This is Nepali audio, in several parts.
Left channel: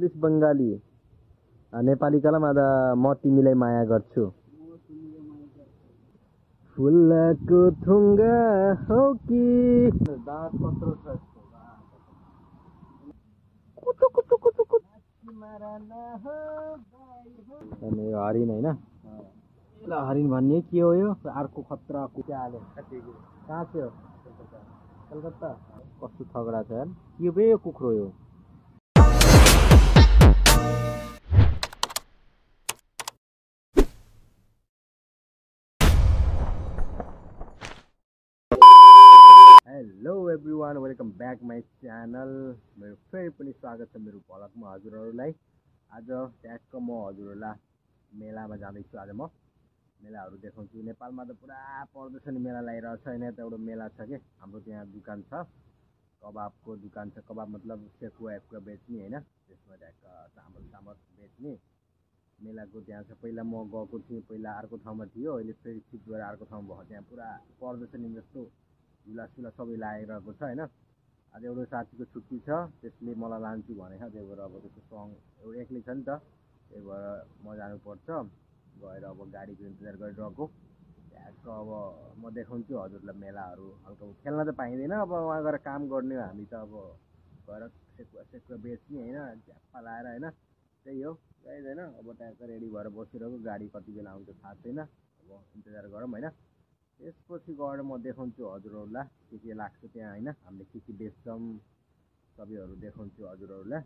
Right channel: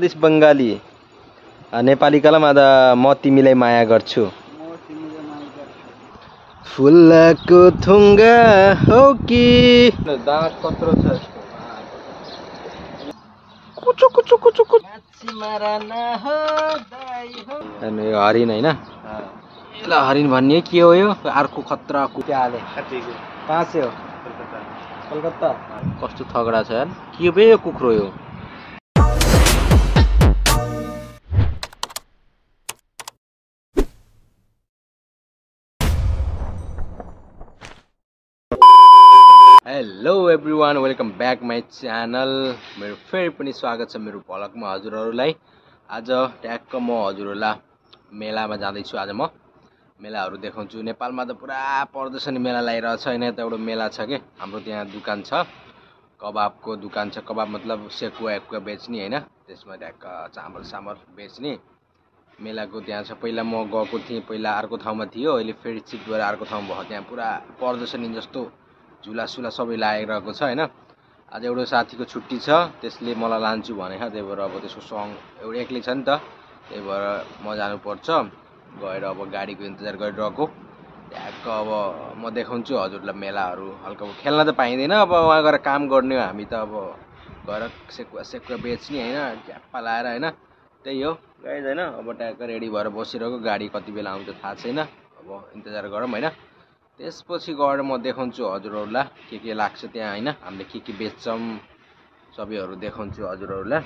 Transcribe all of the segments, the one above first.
दिस बङ्गाली नेपाली कलम आधा म तिमीलाई माया गर्छु फुलको थुङ्गा हो कि दाँत कत्रो छ कुचु कुचु कुचु कुचु अनि यो हरिण हैन ल हरिण भन्ने के हो यो अर्को खतरा कुट्या हाले कहाँ से हो कलकत्ता कस्तो थगडा छ यार के बे यो कुखुरो यो hello everyone welcome back my channel मेरो फेरि पनि स्वागत छ मेरो भ्लगमा हजुरहरूलाई आज ट्याक्क म हजुरहरूलाई मेलामा जाँदैछु आज म मेलाहरू देखाउँछु नेपालमा त पुरा प्रदर्शनी मेला लागिरहेछ हैन त एउटा मेला छ के हाम्रो त्यहाँ दुकान छ कबाबको दुकान छ कबाब मतलब सेकुवा बेच्ने हैन त्यसमा ट्याक्क चामल सामल बेच्ने मेलाको त्यहाँ छ पहिला म गएको थिएँ पहिला अर्को ठाउँमा थियो अहिले फेरि शिफ्ट भएर अर्को ठाउँमा भयो त्यहाँ पुरा प्रदर्शनी जस्तो झुला सुला सबै लागिरहेको छ हैन आज एउटा साथीको छुट्टी छ त्यसले मलाई लान्छु भने त्यही भएर अब त्यसको सँग एउटा एक्लै छ नि त त्यही भएर म जानुपर्छ गएर अब गाडीको इन्तजार गरिरहेको ट्याक्क अब म देखाउँछु हजुरलाई मेलाहरू हल्का खेल्न त पाइँदैन अब वहाँ गएर काम गर्ने हो हामी त अब गएर सेकुवा बेच्ने हैन ट्याप्पा लाएर हैन त्यही हो गाइज हैन अब ट्याक्क रेडी भएर बसिरहेको गाडी कति बेला आउँछ थाहा छैन अब इन्तजार गरौँ हैन त्यसपछि गएर म देखाउँछु हजुरहरूलाई के लाग्छ त्यहाँ हैन हामीले के बेच्छौं सबैहरू देखाउँछु हजुरहरूलाई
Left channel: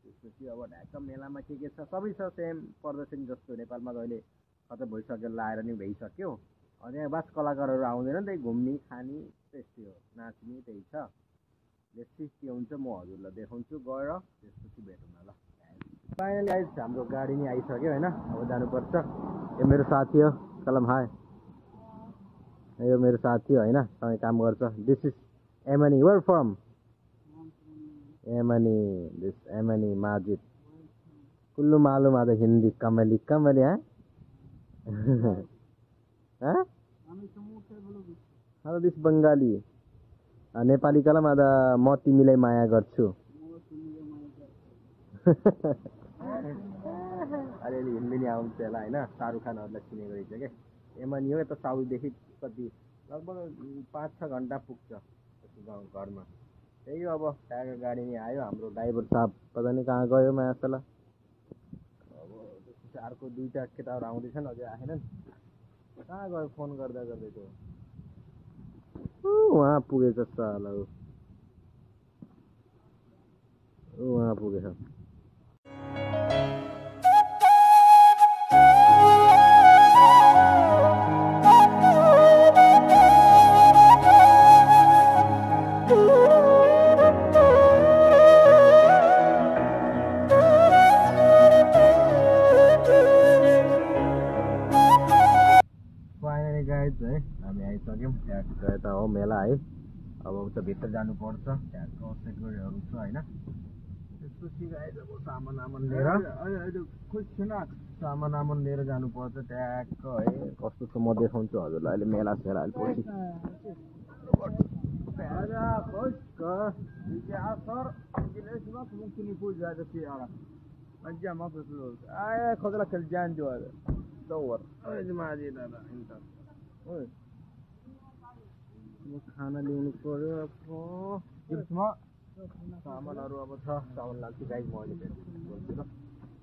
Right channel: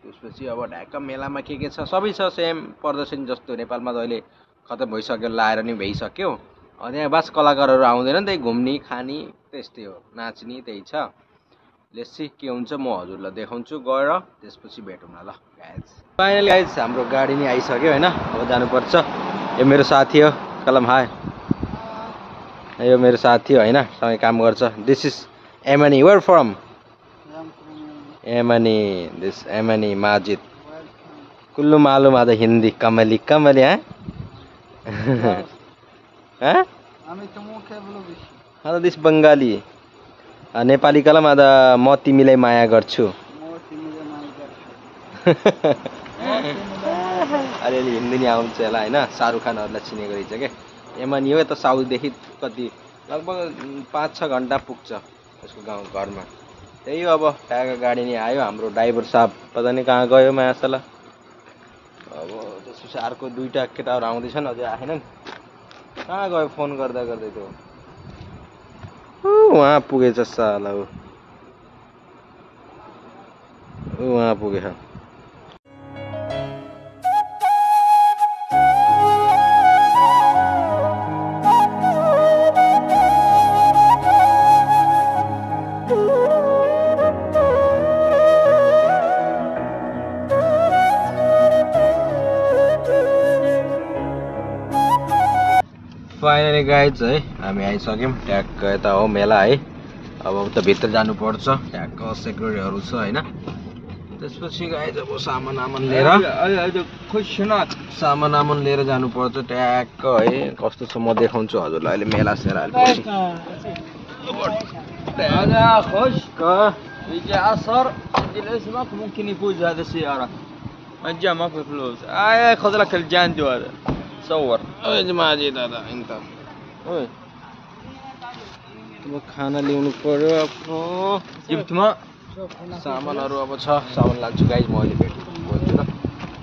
त्यसपछि अब ढाका मेलामा के छ सबै छ सेम प्रदर्शनी जस्तो नेपालमा त अहिले खतम भइसक्यो लाएर नि भइसक्यो अनि यहाँ बास कलाकारहरू आउँदैन नि त्यही घुम्ने खाने त्यस्तै हो नाच्ने त्यही छ लेट्स के हुन्छ म हजुरलाई देखाउँछु गएर त्यसपछि भेटौँ न ल गाइज फाइनली गाइज हाम्रो गाडी नि आइसक्यो हैन अब जानुपर्छ यो मेरो साथी हो कलम हाय यो मेरो साथी हो हैन सँगै काम गर्छ दिस इज एमनी वेयर फ्रम एमनी दिस एमनी माजिद कुल्लू मालूम आधा हिंदी कमली कमली हैं हैं दिस बङ्गाली नेपाली कलम आधा म तिमीलाई माया गर्छु अलिअलि हिन्दी नि आउँछ होला हैन शाहरुख खानहरुलाई चिनेको रहेछ के एमनी हो यता साउथदेखि कति लगभग 5-6 घण्टा पुग्छ उसको गाउँ घरमा त्यही हो अब ट्याग गाडी नि आयो हाम्रो ड्राइभर साहब पता नि कहाँ गयो मायासला अब त्यसपछि अर्को दुईटा केटाहरू आउँदैछन् अझै आएनन् कहाँ गयो फोन गर्दा गर्दै त्यो वहाँ पुगेछ साला वहाँ पुगेछ फाइनली गाइज है हामी आइसक्यौँ ट्याक्क यता हो मेला है अब त भित्र जानुपर्छ ट्याक्क सेक्युरिटीहरू छ हैन त्यसपछि गाइज अब सामान लिएर जानुपर्छ ट्याक्क है कस्तो छ म देखाउँछु हजुरलाई अहिले मेला सेला पछि صور يا جماعه دي दादा انت ओए अब खाना ल्याउनु पर्यो आफ्नो जिप्टमा सामानहरु अब छ सामान लान्छु गाइस म अहिले भेट्छु ल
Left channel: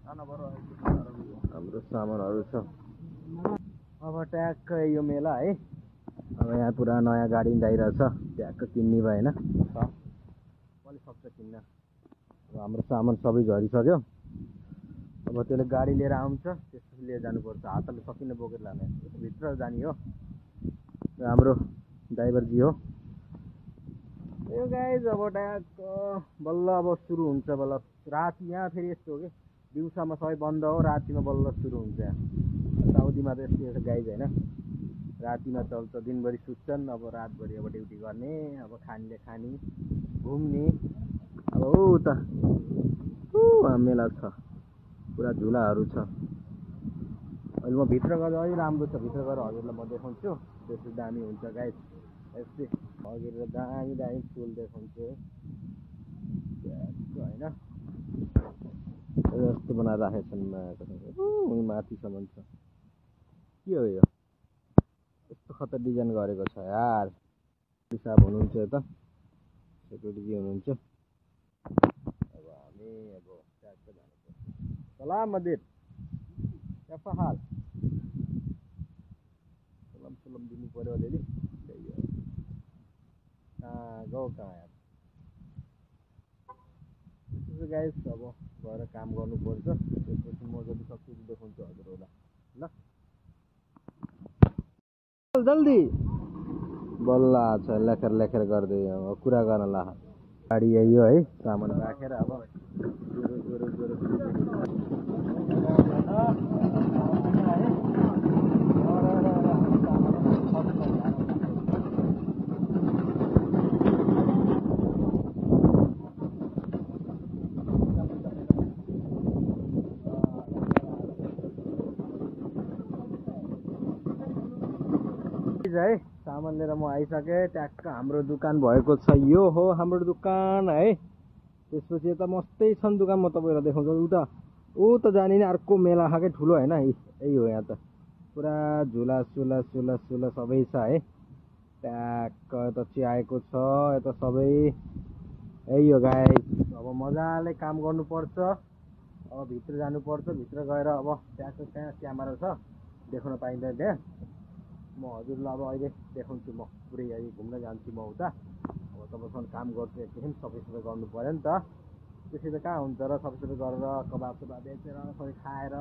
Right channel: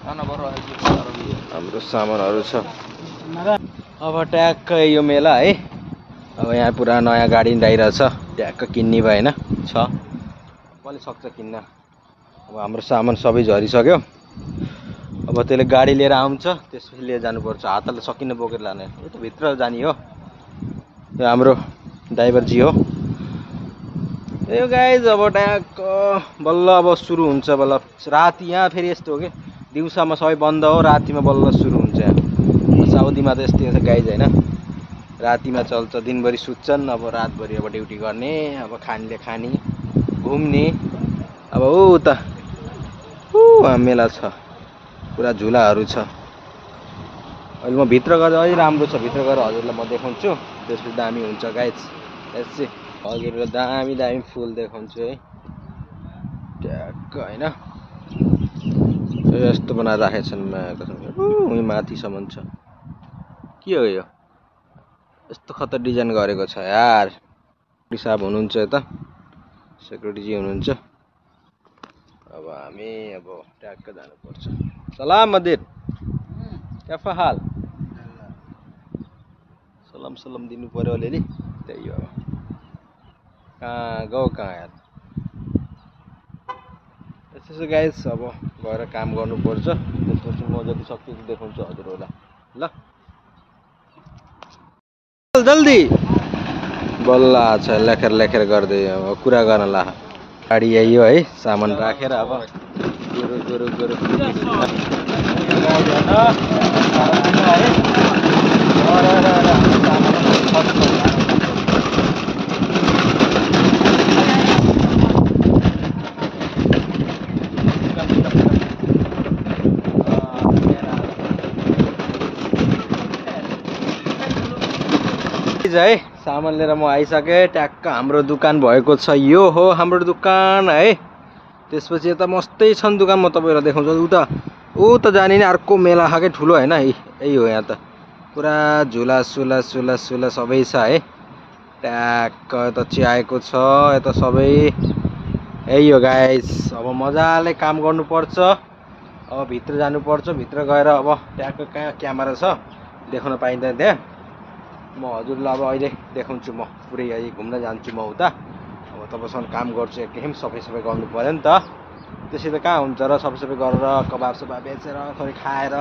खाना भरो हाम्रो सामानहरु छ अब ट्याक्क यो मेला है अब यहाँ पुरा नयाँ गाडी आइरहेछ ट्याक्क किन्ने भयो हैन छ कसले सक्छ किन्न अब हाम्रो सामान सबै झरिसक्यो अब त्यसले गाडी लिएर आउँछ त्यसपछि लिएर जानुपर्छ हातले सकिन बोकेर लाने यो त भित्र जानी हो यो हाम्रो ड्राइभर जी हो यो गाइज अब ट्याक्क बल्ल अब सुरु हुन्छ बल्ल राति यहाँ फेरि यस्तो हो के दिउँसामा सबै बन्द हो रातिमा बल्ल सुरु हुन्छ यहाँ साउदीमा त यस्तै हुन्छ गाइज हैन रातिमा चल्छ दिनभरि सुत्छन् अब रातभरि अब ड्युटी गर्ने अब खानेले खाने घुम्ने अब उता मेला छ पुरा झुलाहरू छ अहिले म भित्र गएर अलि राम्रो छ भित्र गएर हजुरलाई म देखाउँछु त्यसपछि दामी हुन्छ गाइज यसै हजुरलाई दामी फुल देखाउँछु है ट्याक्क होइन यस्तो बनाएर राखेका छन् उही माथिसम्म छ के हो यो यस्तो खतर डिजाइन गरेको छ यार साहब हुनुहुन्छ यता सेक्युरिटी हुनुहुन्छ अब हामी अब ट्याक्क जानुपर्छ सलाम मदिर क्या हाल सलाम दिनु पर्यो अलिअलि त्यही हो कहाँ गयो कहाँ यार त्यसो गाइस अब गएर काम गर्नुपर्छ त्यसपछि म जति सक्छु देखाउँछु हजुरहरूलाई ल जल्दी बल्ल छ लेखेर गर्दै अब कुरा गर्न ला गाडी आइयो है सामान राखेर अब गुरु है सामान लिएर म आइसकेँ ट्याक्क हाम्रो दुकान भएको छ यो हो हाम्रो दुकान है त्यसपछि यता मस्तै छन् दुकान म तपाईँहरूलाई देखाउँछु ऊ त जाने नि अर्को मेला खाकै ठुलो होइन यही हो यहाँ त पुरा झुला सुला सबै छ है ट्याक्क यता चियाएको छ यता सबै यही हो गाइस अब मजाले काम गर्नुपर्छ अब भित्र जानुपर्छ भित्र गएर अब ट्याक्क कहाँ क्यामेरा छ देखाउन पाइँदैन त्यहाँ म हजुरलाई अब अहिले देखाउँछु म पुरै अहिले घुम्न जान्छु म उता अब तपाईँसँग काम गर्छु एकदम सफाइ गर्नु पर्यो नि त त्यसै त कहाँ हुन्छ र सबै गरेर कबाब सबाब बेचेर थोरै खाएर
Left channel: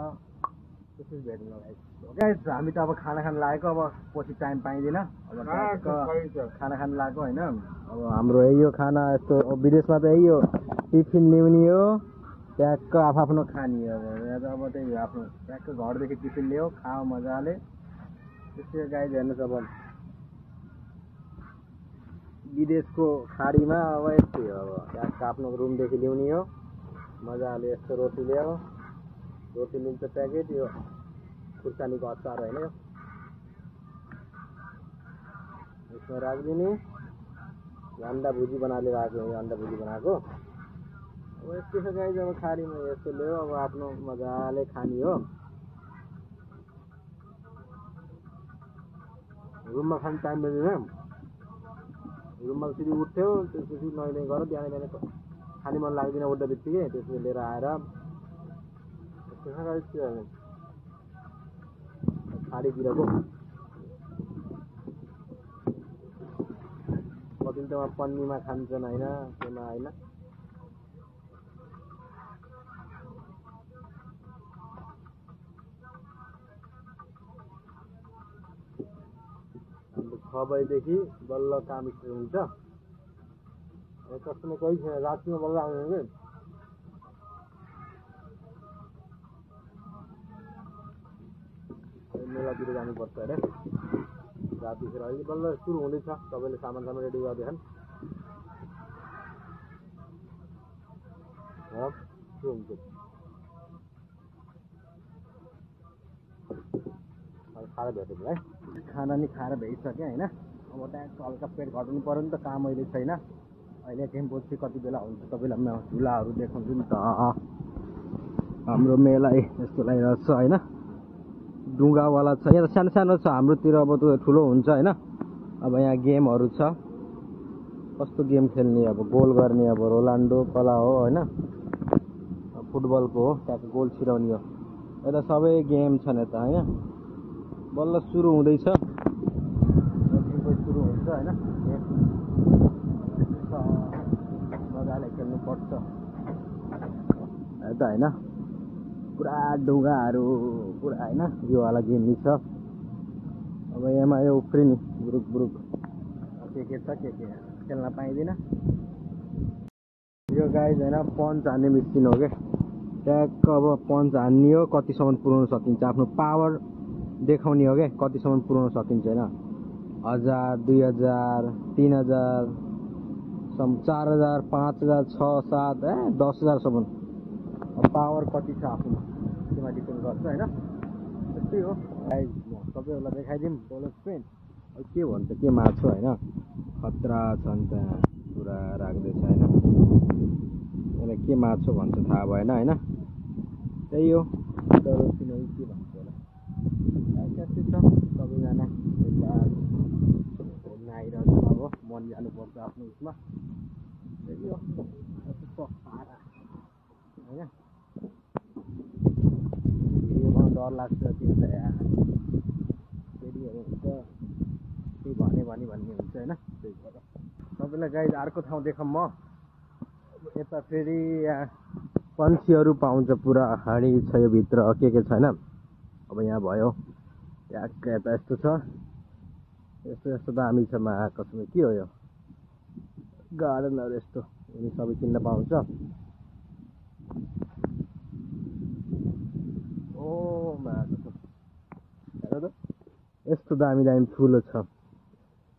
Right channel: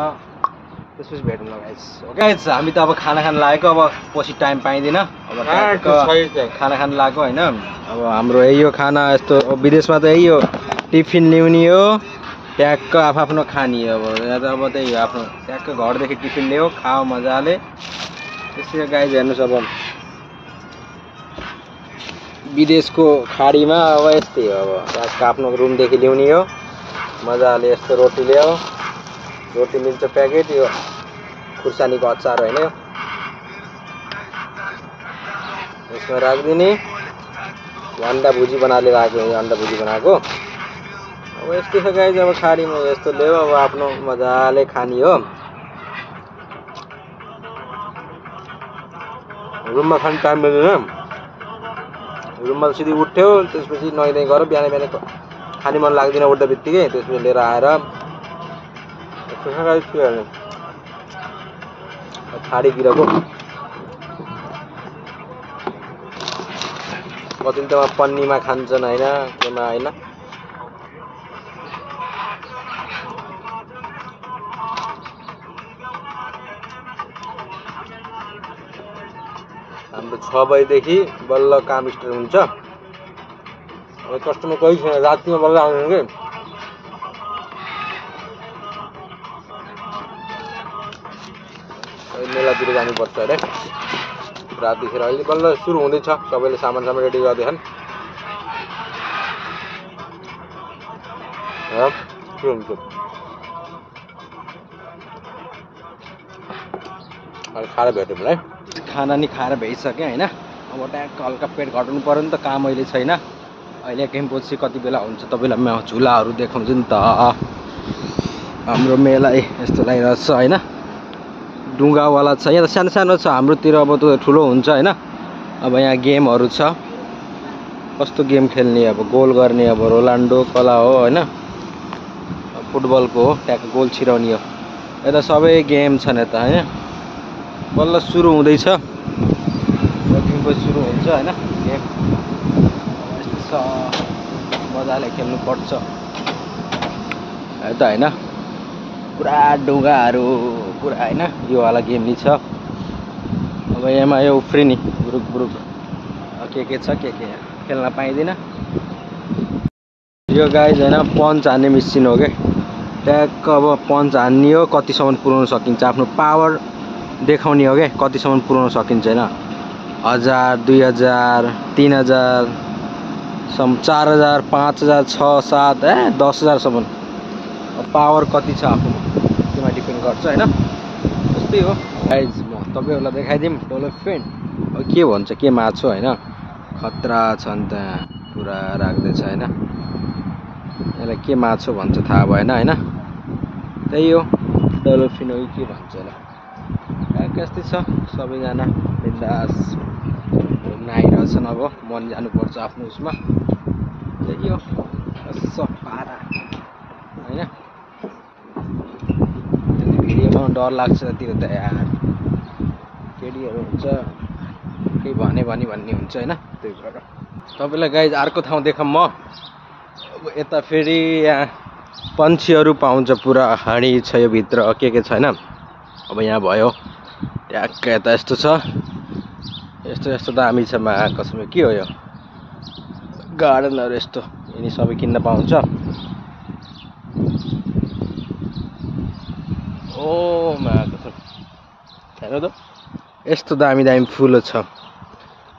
त्यसपछि भेटौँ ल गाइस गाइस हामी त अब खाना खान लागेको अब पछि टाइम पाइँदैन अब खाना खान लागेको होइन अब हाम्रो यही हो खाना यस्तो विदेशमा त यही हो टिफिन ल्याउने हो ट्याक्क आफ्नो खाने अब यहाँ त अब त्यही हो आफ्नो ट्याक्क घरदेखि टिफिन ल्यायो खाओ मजाले त्यसै गाइस हेर्नुहोस् अब विदेशको खाडीमा अब यस्तै हो अब ट्याक्क आफ्नो रुमदेखि ल्याउने हो मजाले यस्तो रोटी ल्यायो रोटी मिल्छ प्याकेट यो खुर्सानीको अचार होइन यसमा राखिदिने अन्डा भुजी बनाएर राखेको अन्डा भुजी बनाएको अब यस्तै छ गाइस अब खाडीमा यस्तो ल्यायो अब आफ्नो मजाले खाने हो रुममा खाने टाइम मिल्दैन रुममा सिधै उठ्यो त्यसपछि नुहाइ गर बिहान खाने मन लाग्दैन उठ्दा बित्तिकै त्यसपछि लिएर आएर खाडीतिरको कति त पन्नीमा खान्छन् होइन केमा होइन हाम्रो 6 बजेदेखि बल्ल काम स्टार्ट हुन्छ अब कस्टमर कोही छैन रातिमा बल्ल आउनु के मेलातिर जानुपर्छ अरे रातिखेर अहिले बल्ल सुरु हुँदैछ सबैले सामान रेडी गर्दैछन् सुरु हुन्छ अहिले खाएर भेटौँ है खाना नि खाएर भइसक्यो होइन अब ट्याक्क हल्का पेट घटाउनु पर्यो नि त काम अहिले छैन अहिले एकैछिन पछि कति बेला हुन्छ तपाईँलाई म झुलाहरू देखाउँछु नि त हाम्रो मेला यस्तो लागिरहेको छ होइन ढुङ्गावाला छ यहाँ त सानो सानो छ हाम्रोतिर अब त ठुलो हुन्छ होइन अब यहाँ गेमहरू छ कस्तो गेम खेल्ने अब गोल गर्ने अब रोनाल्डो कला हो होइन फुटबलको हो ट्याक्क गोल छिराउने हो यता सबै गेम छन् यता होइन बल्ल सुरु हुँदैछ सुरु हुन्छ होइन गेम यस्तो मजाले खेल्नुपर्छ त होइन पुरा ढुङ्गाहरू पुरा होइन यो वाला गेम नि छ अब यहाँ यो उफ्रिने बुरुक के छ के खेल्न पाइँदैन यो गाइज होइन पन्च हान्ने मेसिन हो क्या ट्याक्क अब पन्च हान्ने हो कतिसम्म पुर्याउन सकिन्छ आफ्नो पावर देखाउने हो क्या कतिसम्म पुर्याउन सकिन्छ होइन 1000 2000 3000 4000 5000 6 7 10,000सम्म पावर कति छ आफूमा त्यसमा डिपेन्ड गर्छ होइन त्यस्तै हो गाइज म तपाईँहरूलाई देखाइदिउँ डल्फिन अब के भन्छ के माछो होइन खतरा छ नि त पुरा राख्दैछ होइन यसलाई के माछो भन्छ थाहा भएन हैन। त्यही हो डल्फिन हो के भन्छ होला। कस्तै छ सबैजना बिन्दास घुम्न आइरहेछन्। अब मन जानुपर्छ आफ्नो उसमा। त्यही हो पारा हैन। त्यति भिडियो बनाउन डर लाग्छ त्यो त यार। केटीहरू हुन्छ केही भन्ने हुन्छ हैन। त्यही भएर तपाईलाई गाइज अर्को ठाउँ देखाउँ म। अब यता फेरि यहाँ पन्छीहरू पाउँछ पुरा हाँडी छ यो भित्र के छैन। अब यहाँ भयो ट्याक्क यता यस्तो छ यस्तो दामी छ मा कसम के हो यो गार्डनहरू यस्तो यिनी सबै किन्न पाउँछ। ओ मा कसम हेर त यस्तो दामी फुल छ।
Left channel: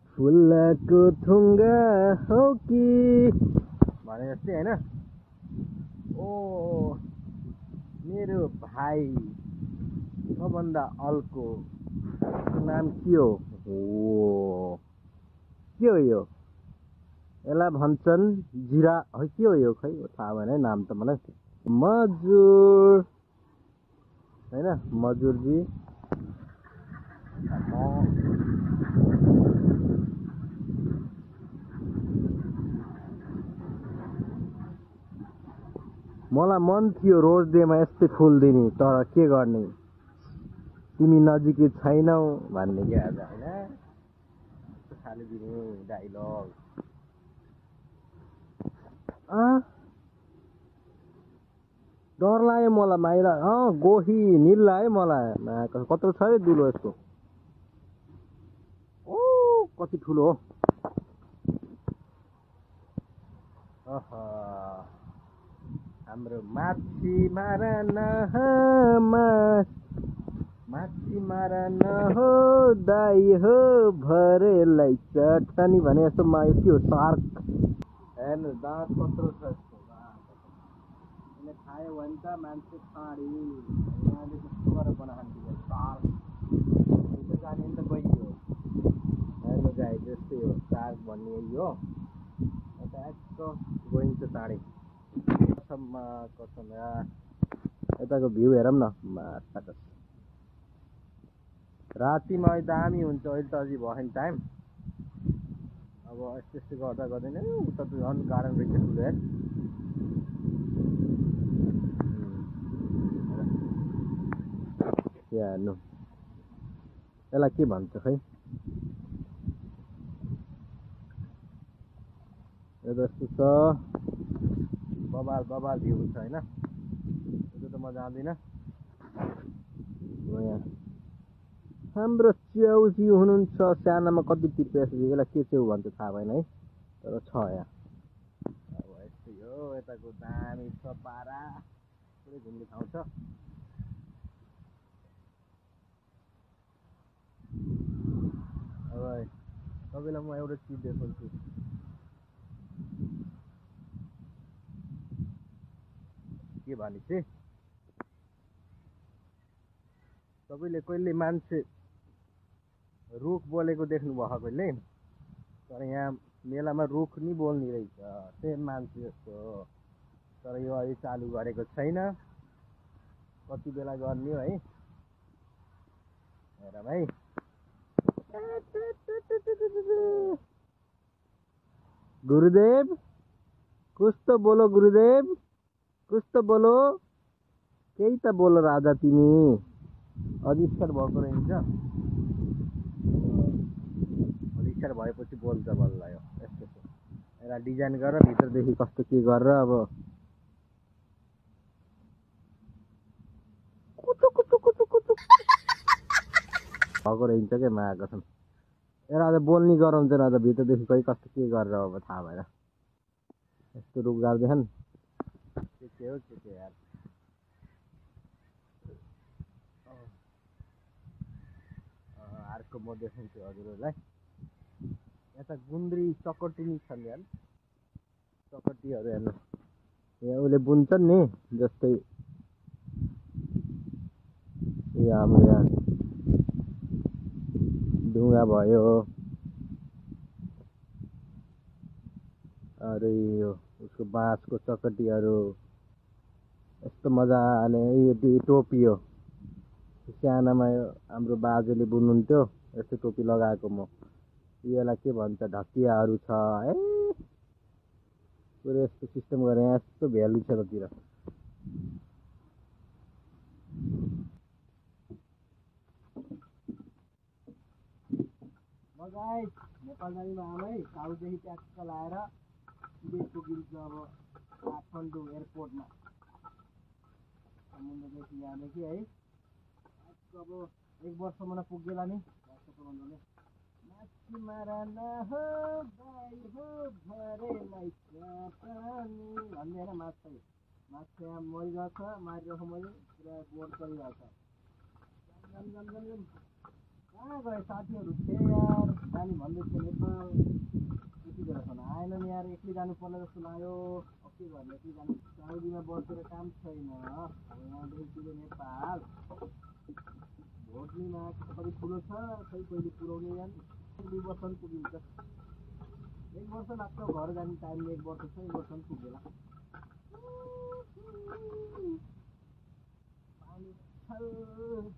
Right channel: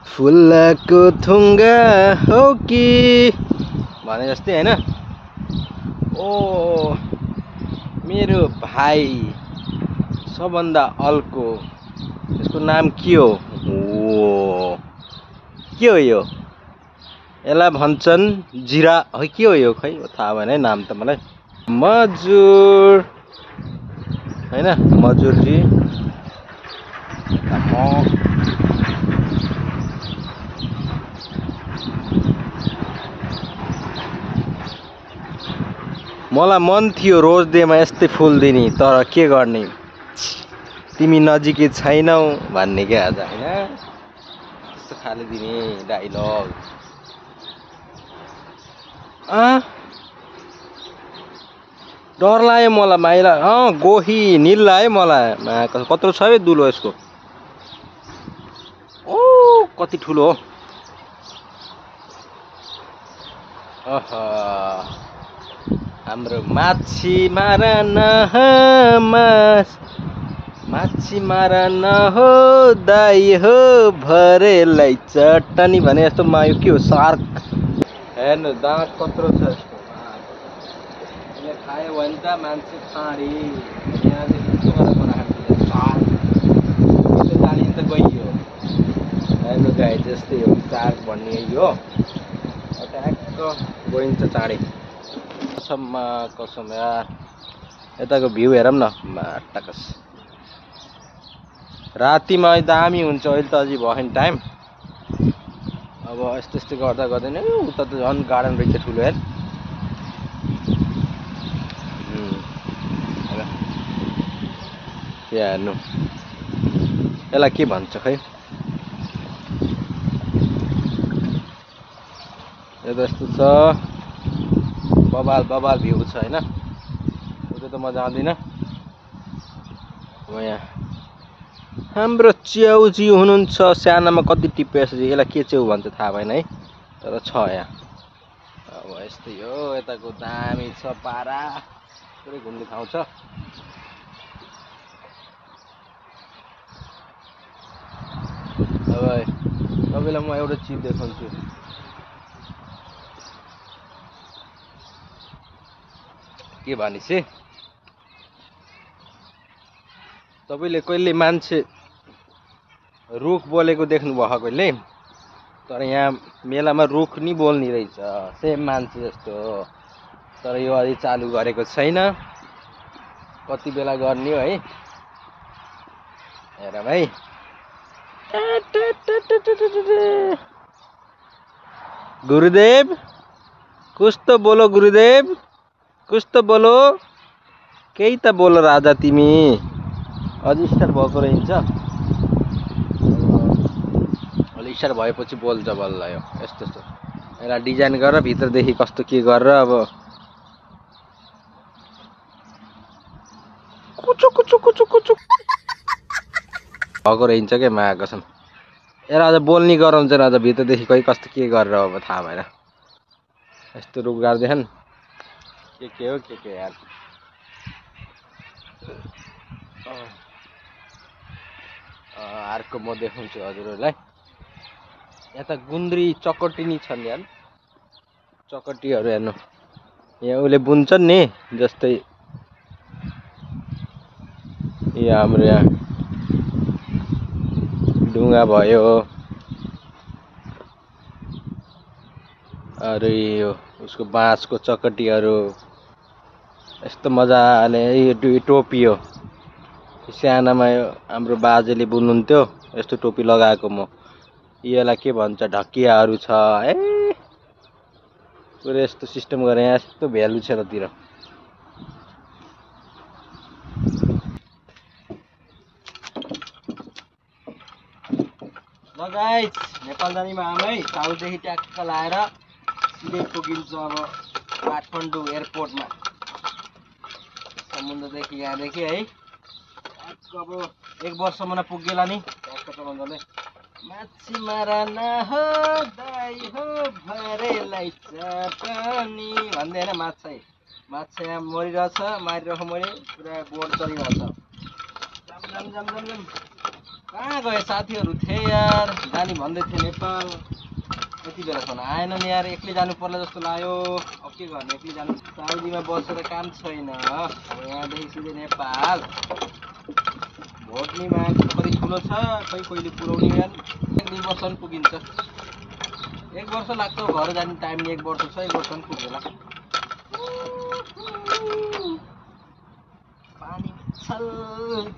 फुलको थुङ्गा हो कि भने जस्तै हैन। ओ मेरो भाइ सबभन्दा अल्को यसको नाम के हो? ओ के हो यो? यसलाई भन्छन् जिरा है के हो यो खै थाहा भएन है नाम त मलाई। मजुर हैन मजुरजी मलाई मन थियो रोज डेमा यस्तै फुल दिने तर के गर्ने तिमी नजिकै छैनौ भन्ने क्या आज हैन। त्यस्तो खाले दिने डाइलग डर लाग्यो मलाई माइला गोही निल लाग्यो मलाई कत्रो छ है दुलो यसको। ओ कति ठुलो हो। हाम्रो माछी मारा न हो दाइ हो भरेलाई चटनी भने जस्तो मायो के हो सार्क हेर्नु दाँत कत्रो छ यसको। यसले खायो भने त मान्छे खाँडी यहाँदेखि जाने त गइयो। हेर्नु गाई जस्तै हो सार्क भन्ने हो ट्याक्क गइन्छ चाँडै। कसम यार यताको भ्यू हेरौँ न माटाकस रातिमा दामी हुन्छ। अहिले त अझै भएन टाइम। अब यस्तो गर्दा गर्दैन उता त झन् गार्डन रहेछ ठुलो हेर। हेर्नु यसलाई के भन्छ खै यो त यस्तो छ बबाल भ्यू छ हैन। उता त म जाँदिनँ। यहाँ हाम्रो च्याउजी हुनुहुन्छ सानामा कति टिपेछ यसलाई के च्याउ भन्छ थाहा भएन है तर छ यहाँ। अब यस्तै हो यताको दामी छ पारा पुरै घुम्ने ठाउँ छ। अब तपाईँलाई म एउटा चिज देखाउँछु। के भनेपछि तपाईँले कहिले मान्छे रुख बोलेको देख्नु भयो कहिले? तर यहाँ मेलामा रुख नि बोल्ने रहेछ सेम मान्छे जस्तो। तर यो अलि चालु गरेको छैन कति बेला गर्ने हो है। हेर भाइ गुरुदेव कुछ तो बोलो गुरुदेव कुछ तो बोलो केही त बोलो राजा तिमी। अझै स्टार भएको रहेछ। अलि स्टार भएपछि बोल्छ बल्ल यो यस्तो यसलाई डिजाइन गरेर भित्रदेखि कस्तो के गरेर अब कुचु भएको रहन्छ क्या मा कसम। यसलाई अझ बोल्ने गराउँछ अझ भित्रदेखि खै कस्तो के गरेर अब थाहा भएन। यस्तो रुख गाड्दैछन् के हो के यार। अर्को म देखाउँछु हजुरहरूलाई। यता गुन्द्री चकटिनी छन् यार चकटीहरू हेर्नु यहाँ उसले बुन्छन् नि जस्तै यो हाम्रो यहाँ ढुङ्गा भयो अरे यो उसको बाँसको चकटीहरू यस्तो मजाले यो टोपी हो सानामा हाम्रो बाजेले बुन्नुहुन्थ्यो यस्तो टोपी लगाएको म यसलाई के भन्छ ढकियाहरू छ ए पुरै यस्तो सिस्टम गरे यहाँ यस्तो भ्यालु छ रतिर ल गाइस नेपाल जाने भाइ साउथदेखि ट्याक्क लाएर सिधै पुगिन्छ अब काठमाडौँ एयरपोर्टमा समुद्रदेखि यहाँदेखि है अब 1 वर्षसम्म पुगेला नि ट्याक्क त मजाले माछी मारा नहो दाइ हो भरेलाई चटनी भन्दै होइन माछा यहाँ मरिरहेछ मारिरहेको मैले पुरा बोट चलिरहेछ जाम जाम जाम जाम जाम कहाँ गए साथीहरू थिए यार जाने भन्दै थिए नेपाल यति बेलासम्म आएन नि यार एक्लै जानु पर्ला जस्तो लाग्यो अब के गर्ने एक्लै जानु साउदीमा बसेर काम छैन अब यहाँदेखि सिधै नेपाल भोट नि मान्छे कति ठुलो छ खै कहिले पुऱ्याउने यार 1 वर्षसम्म पुगिन्छ 1 वर्ष लाग्छ घर जाने टाइम नि 1 वर्ष छ 1 वर्षसम्म पुग्ला पानी छल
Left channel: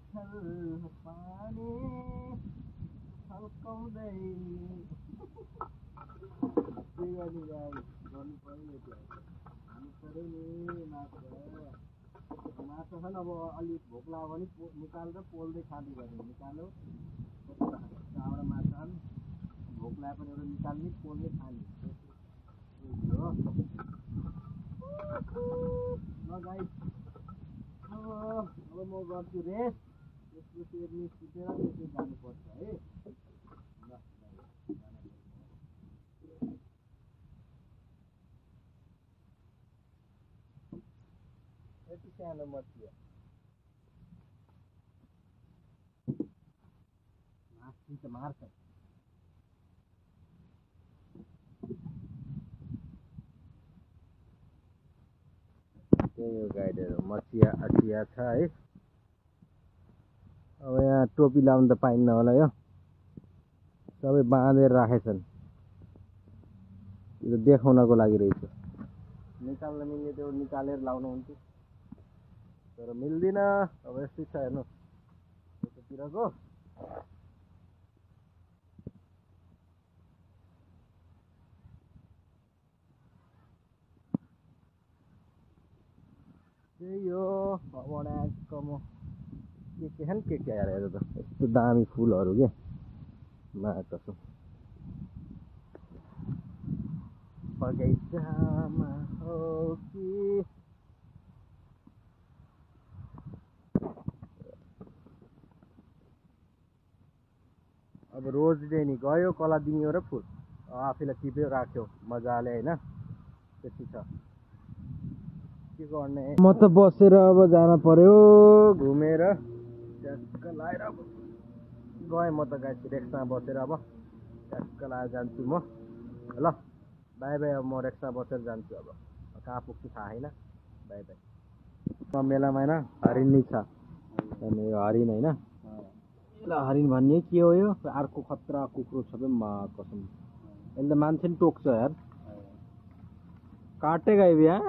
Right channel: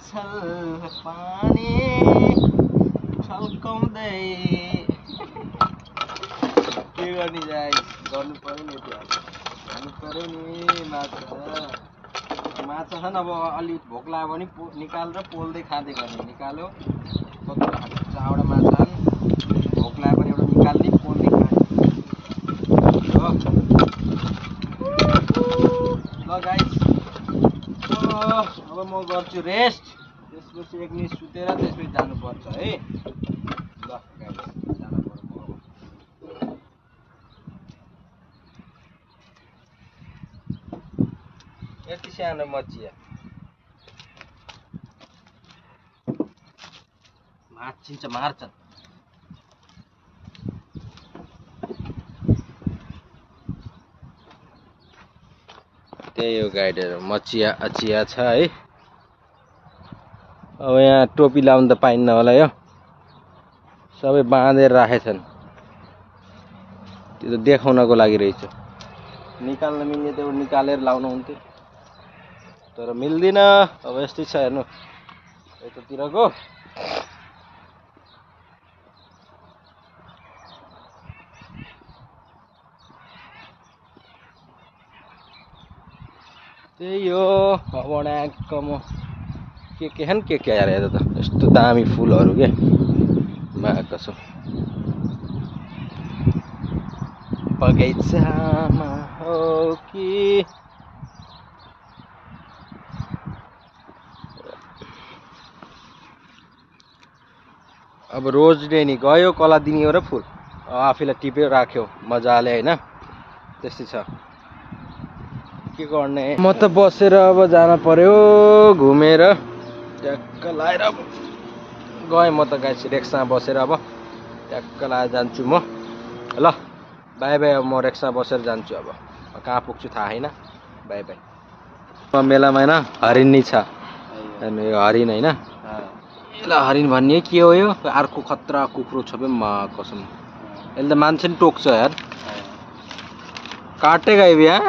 छल पानी छल्काउँदै के गर्ने जाए गर्नु पर्यो नि खानु पर्यो नि माछा छन् अब अलि भोक लाग्यो भने निकालेर पोल्दै खाँदै गर्ने निकाल्यो चारवटा माछा छन् भोक लाग्यो भने एउटा निकाल्ने पोल्दै खाने ल गाइस अब म गर्छु रेस्ट त्यसपछि 1 मिनट सुतेर त्यसपछि जानुपर्छ है ल गाइस जानु पर्यो यति सानो मचिया मार्छ त्यही हो गाइडहरू मचिया अचिया छ है अब यहाँ टोपी लाउनु त पाइन्न होला यो सबै बाँधेर राखेछन् त्यो त देखाउनको लागि रहेछ निकाल्न मिल्ने त निकालेर लाउनु हुन्थ्यो तर मिल्दिन अब यस्तै छ हेर्नु यतातिरको त्यही हो अब ड्याक्क म के यार यता त यस्तो दामी फुलहरू के कसो बगैँचामा हो कि अब रोज डे नि गयो कला दिने हो र फुल आफैलाई टिप्यो राख्यो मजाले होइन त्यस्तै छ के गर्ने म त बसेर अब जान पर्यो घुमेर ट्याक्क लाएर अब गएँ म त गाइस रिक्सामा बसेर अब ट्याक्क लाएर जान्छु म ल बाई बाई अब म रिक्सामा बसेर जान्छु अब कहाँ पुग्छु थाहा छैन बाई बाई मेलामा होइन हरिण नै छ हेर्नु यो हरिण होइन यसलाई हरिण भन्ने के हो यो अर्को खतरा कुखुरो छ म कसम यसले त मान्छे नि टोक्छ यार काटेगा ये यहाँ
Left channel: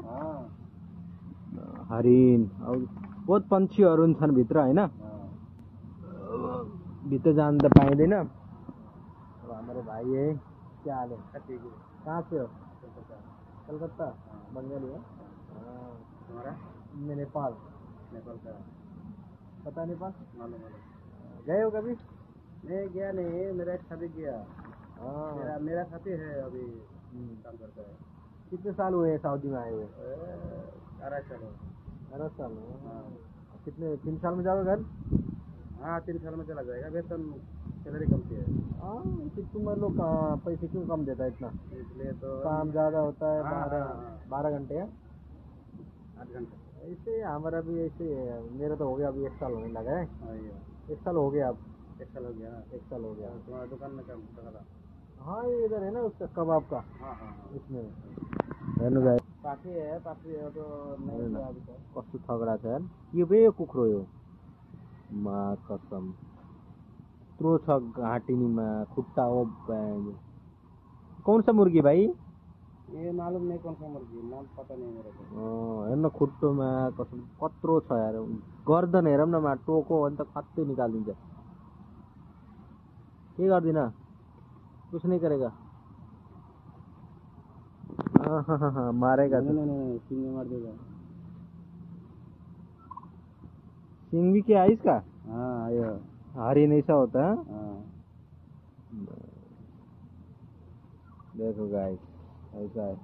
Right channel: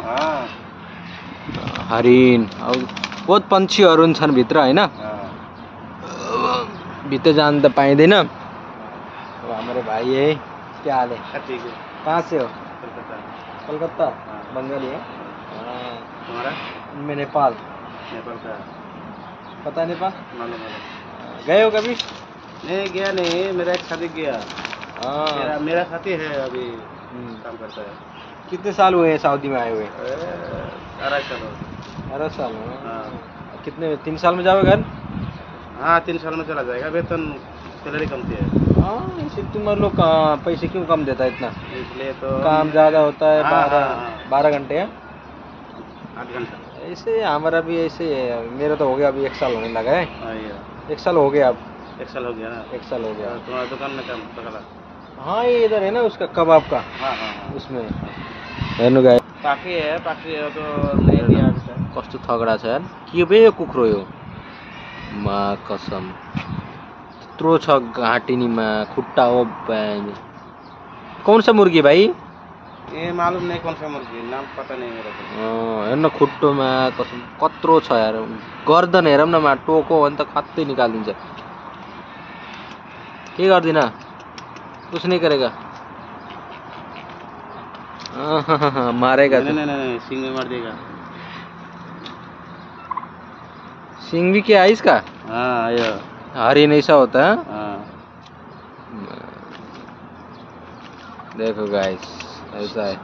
हरिण अब बहुत पंछीहरू छन् भित्र होइन भित्र जान त पाइँदैन अब हाम्रो भाइ है क्या हाल है कहाँ से हो कलकत्ता बंगाली है तुम्हारा मैं नेपाल का पता नेपाल गए हो कभी नहीं गया नहीं मेरा एक साथी गया मेरा साथी है अभी काम करता है कितने साल हुए हैं सऊदी में आए हुए 18 साल कितने 3 साल में जाओगे घर हाँ 3 साल में चला जाएगा वेतन सैलरी कमती है इसे तुम्हारे लोग पैसे क्यों कम देता है इतना इसलिए तो काम ज़्यादा होता है 12 घंटे है 8 घंटा ऐसे हमारा भी ऐसे है मेरा तो हो गया अभी 1 साल होने लगा है 1 साल हो गया अब 1 साल हो गया ना 1 साल हो गया तुम्हारा दुकान में काम पकड़ा हाँ ये इधर है ना उसका कबाब का हाँ उसमें हेर्नु गाई पाखी है तो नहीं दिया कस्तो थगडा छ यार के बे यो कुखुरो यो मा कसम त्यत्रो छ घाँटिनीमा खुट्टा हो कौन सा मुर्गी भाई ये मालूम नहीं कौन सा मुर्गी, नाम पता नहीं मेरे को। हेर्न खुट्टोमा कसम कत्रो छ यार, गर्दन हेरौँ न मा टोको भने त खत्तै निकालिदिन्छ। के गर्दिन, कुछ नहीं करेगा। मारेगा नहीं नहीं नहीं, सिंग में मार देगा। सिंग भी क्या है इसका? हाँ ये हरिण ऐसा होता है। हाँ। देखो गाइस, ऐसा है।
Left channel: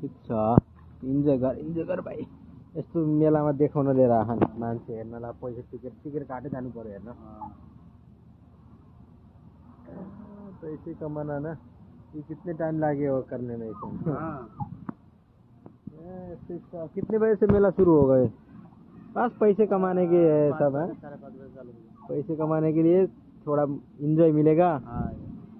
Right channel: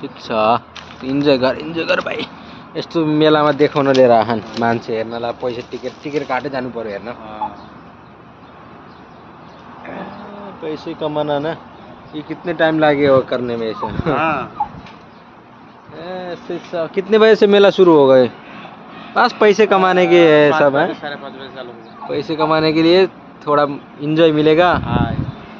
ठिक छ, इन्जोय गर भाइ। यस्तो मेलामा देखाउन लिएर आछन् मान्छे हेर्नलाई, पैसा टिकट काटै जानु पर्यो हेर्न। पैसे कमाना ना, ये कितने टाइम लगे करने में ऐसा? ऐसे कितने बजे से मेला शुरू हो गए? बस पैसे कमाने के सब है, 5:30 बजे चालू होगा। पैसे कमाने के लिए थोड़ा इंजॉय मिलेगा।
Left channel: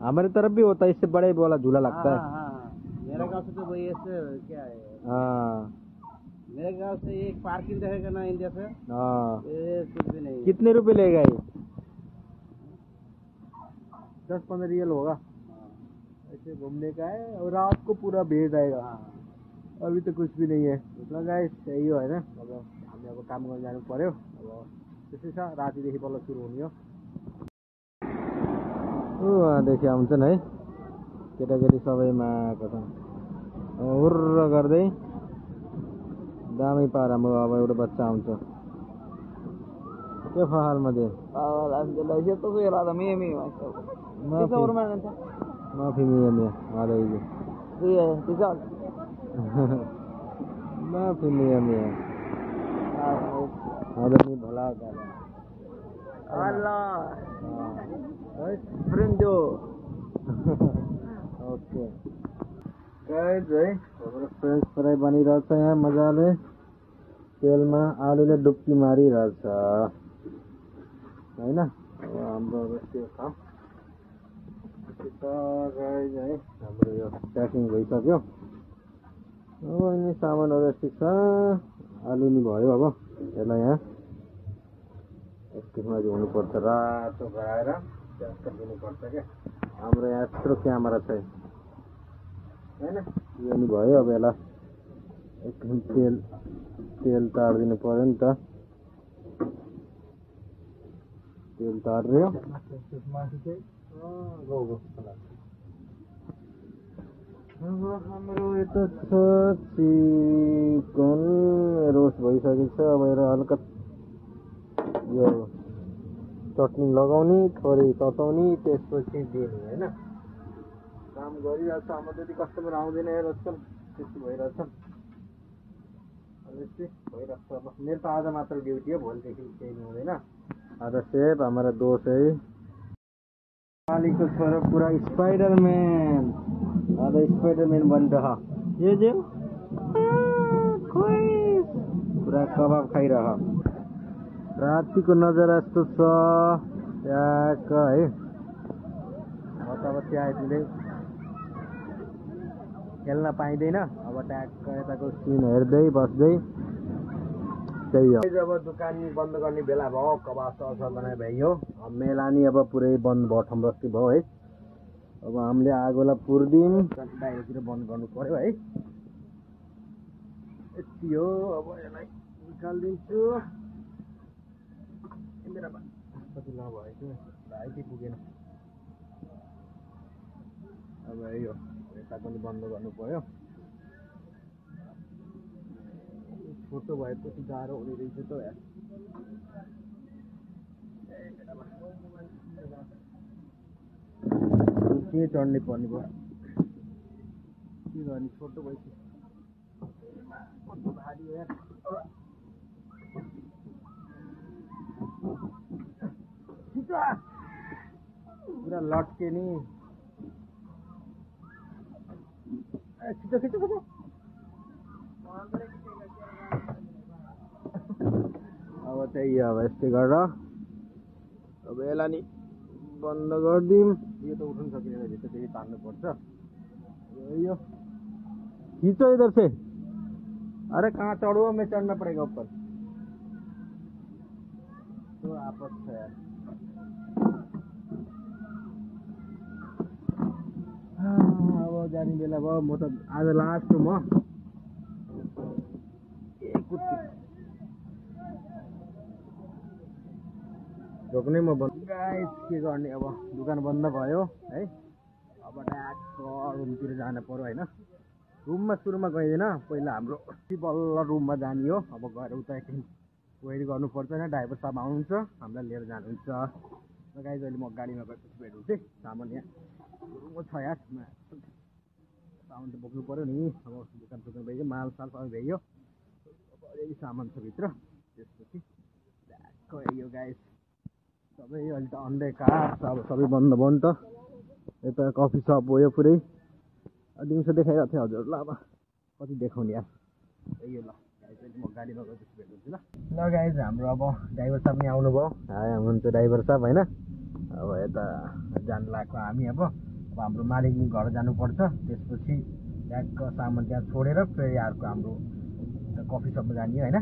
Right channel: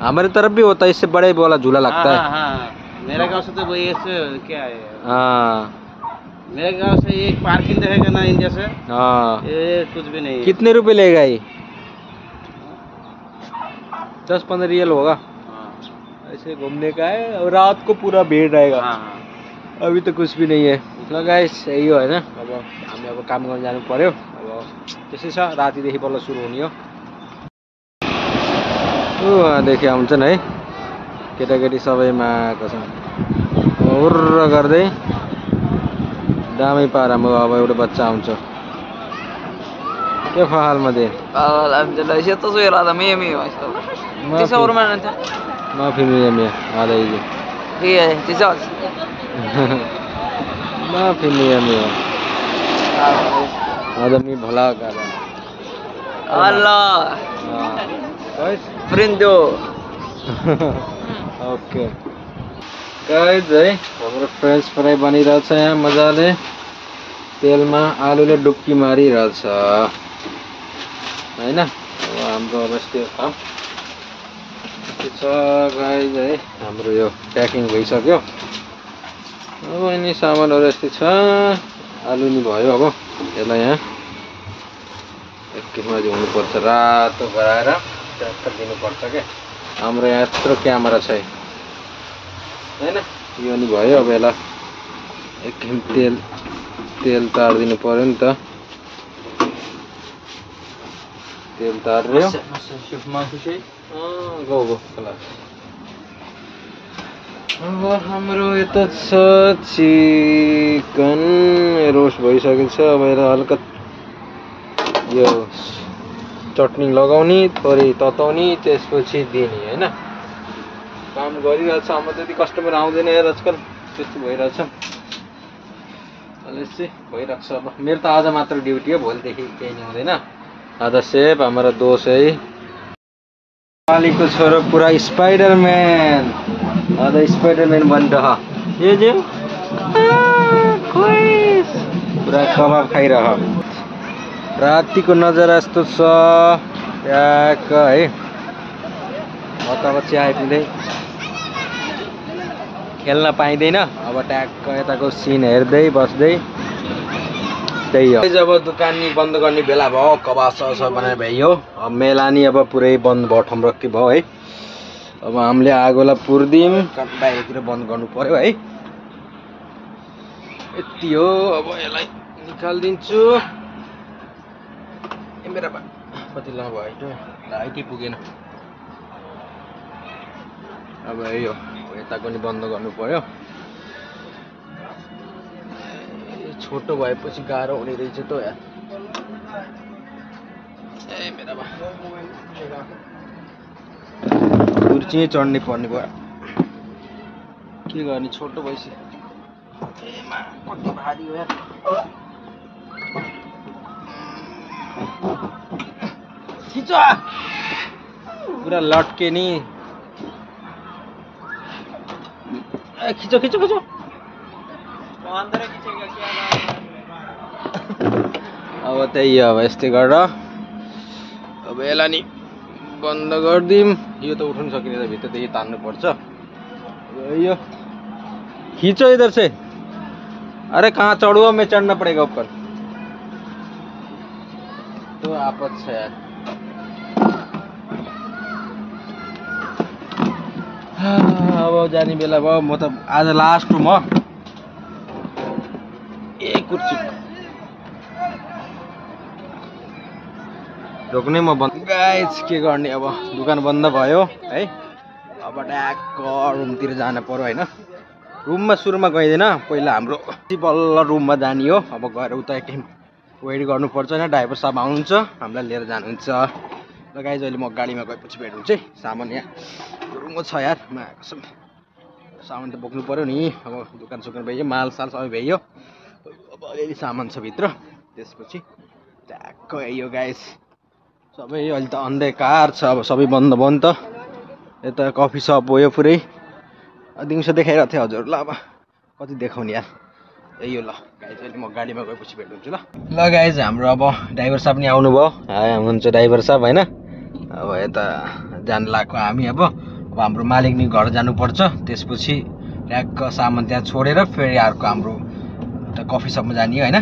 हमारे तरफ भी होता है, इससे बड़े वाला झूला लगता है। हाँ, मेरे गांव से तो वही ऐसे क्या है। हाँ, मेरे गांव से एक पार्किंग रहेगा ना इंडिया से। हाँ, ये कुछ भी नहीं है। कितने रुपए लेगा ये? 10-15 रियल होगा। ऐसे घूमने का है और रात को पूरा भीड़ रहेगा। अभी तो कुछ भी नहीं है। ल गाइस, यही हो हैन। अब हामी अब काम गर्न जानु पर्यो। अब त्यसै छ, रातिदेखि बल्ल सुरु हुने हो। देखि आउँछन् है केटाकेटी सबैमा आएको छ। हुर्र गर्दै दामै पारामा अब एउटा बच्चा आउँछ। के हाल मध्ये? Alhamdulillah, siya to suara ada mimi masalah. Tisa urman nanti. माफी मिया मिया आ जाइए। Iya, tisa. माफी मिया मिया आदमी भला कर। Allah, guys friendo. Okay guys है, हाम्रो फ्रेन्च फ्राई बनिरहेछ यहाँ मजाले। तेलमा आलुले डुब्की मारिरहेछ हैन। अब हाम्रो अवस्था काम के छ गाइस है, हाम्रो यो प्याकिङ भइसक्यो। अब यिनी सामानहरु यस्तै छ। आलु नि भयो। अब यसलाई यहाँ एकैछिनमा धुनुपर्छ, रातो गराएर ट्र्याक्टर दिनुपर्छ के। हाम्रो यहाँ यत्रो क्यामेरा छ हैन। यो नि भयो। अब यसलाई एकछिन तेल तारिदिनु पर्यो नि त। तेल तार्यो। गो अब हाम्रो यता छ चिकन रोस्ट भइसकेको छ। अब यसलाई हल्का यो चटनी लगाउने, थोरै तताउने, त्यसपछि दिने हैन। काम गरिरहेछ। हाम्रो त्यति कस्टमर आउँदैन यार आजकल, त्यस्तो भइरहेछ। अहिले चाहिँ भइरहेको छ। अब मेरो त आज मात्र ड्युटी हो, भोलिदेखि केही नि हुँदैन। आज सेफ हमारा दोस्त है, मालिकको छोरो पुरा स्पाइडरम्यान। आज स्पाइडरम्यान बन रहा। ये जो पुरा कबाब खाइरह। रातिको नजारा यस्तो छ ट्याक्क है। अब चिया पिँदै खेल्न पाइँदैन। अब ट्याक्क यताको सिन हेर्दै बस्दै त्यही हो। जब दुकान नि बन्द गर्ने बेला भयो, कबाब सस बनाए भयो। अब मेला नि अब पुरै बन्द भयो, ठम्रक्की भयो है। अब हामीले आगोलाई पुर्दिम, बाहिरतिर बन्द गर्नु पर्यो है। यति हो। अब यसलाई निकालिदिन्छु। ए मेरा पतिला भयो, लाइटै पुगेन। अब यही हो, यताको नि बन्द गर्नु पर्यो। छोटो भएपछि गाह्रो हुने रहेछ त यार। ए मेरा कुर्ची चढ्ने पर्ने भयो। के गर्ने, छोटो भएपछि। ए मा कति भारी हो यार। खिच पुरा लट्के नि। ए खिचो खिचो खिचो। अब त्यही हो, अब यस्तै गरेर अब यसलाई नि बन्द गरिदिउँ। यो त उठाउनु सकिने, भित्रदेखि तान्नु पर्छ। यो खींचो इधर से। अरे कहाँ चढ़ू, मैं चढ़ना पड़ेगा ऊपर। तो आपत है यार। अब जाने बेला भयो म त आज लास्ट हो म कुर्ची रोक्ने म बन्द गाइस के गर्ने अब दुकान बन्द भयो है अब ट्याक्क रुमतिर जान पर्यो होइन रुममा सुरुमा गइँदैन पहिला हाम्रो बल्ल रुममा जाने हो अब गएर उता एकछिन वेट गर्नुपर्छ होइन ड्राइभर साहब आउनुहुन्छ हामीलाई लिएर जानुहुन्छ ल गाइस अहिले म गाडीमा गएपछि भेट हुन्छ है सामान यहाँ रुमो छ यार कसम सामान त बोक्नु पर्यो नि अब दोकान सोकान भइयो माल साल सबै भइयो अब अलिअलि सामान छ भित्र त्यसपछि ट्याक्क यो गाइस सबै अहिले त अन्धकार छ अब सबै बन्द भयो नि त यता कफी सप हो यो पुरै दिउँसो देखाइरहेको थिएँ हजुरलाई अब कति देखाउने यार यो ल गाइज अहिले म गाडीमा गएपछि भेट हुन्छु ल गाइज हाम्रो अब ड्राइभर साहब नि आउनुभयो हुनुहुन्छ ड्राइभर साहब होइन अब यता जान लाग्यो हामी अब हाम्रो मालिक नि घर जानुपर्छ त्यसपछि ट्याक्क सामान त्यहाँ छोडेर फेरि अर्को हाम्रो कफी सपमा जाने होइन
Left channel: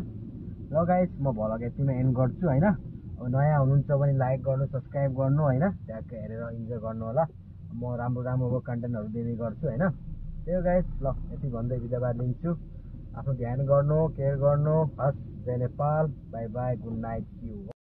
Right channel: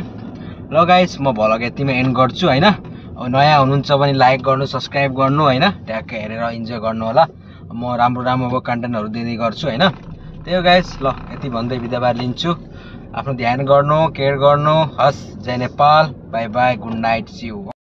ल गाइज म भ्लग यतिमा एन्ड गर्छु होइन अब नयाँ हुनुहुन्छ भने लाइक गर्नु सब्सक्राइब गर्नु होइन ट्याक्क हेरेर इन्जोय गर्नु होला म राम्रो राम्रो अब कन्टेन्टहरू दिँदै गर्छु होइन त्यही हो गाइज ल यति भन्दै बिदाबार लिन्छु आफ्नो ध्यान गर्नु केयर गर्नु हस् जय Nepal bye bye good night see you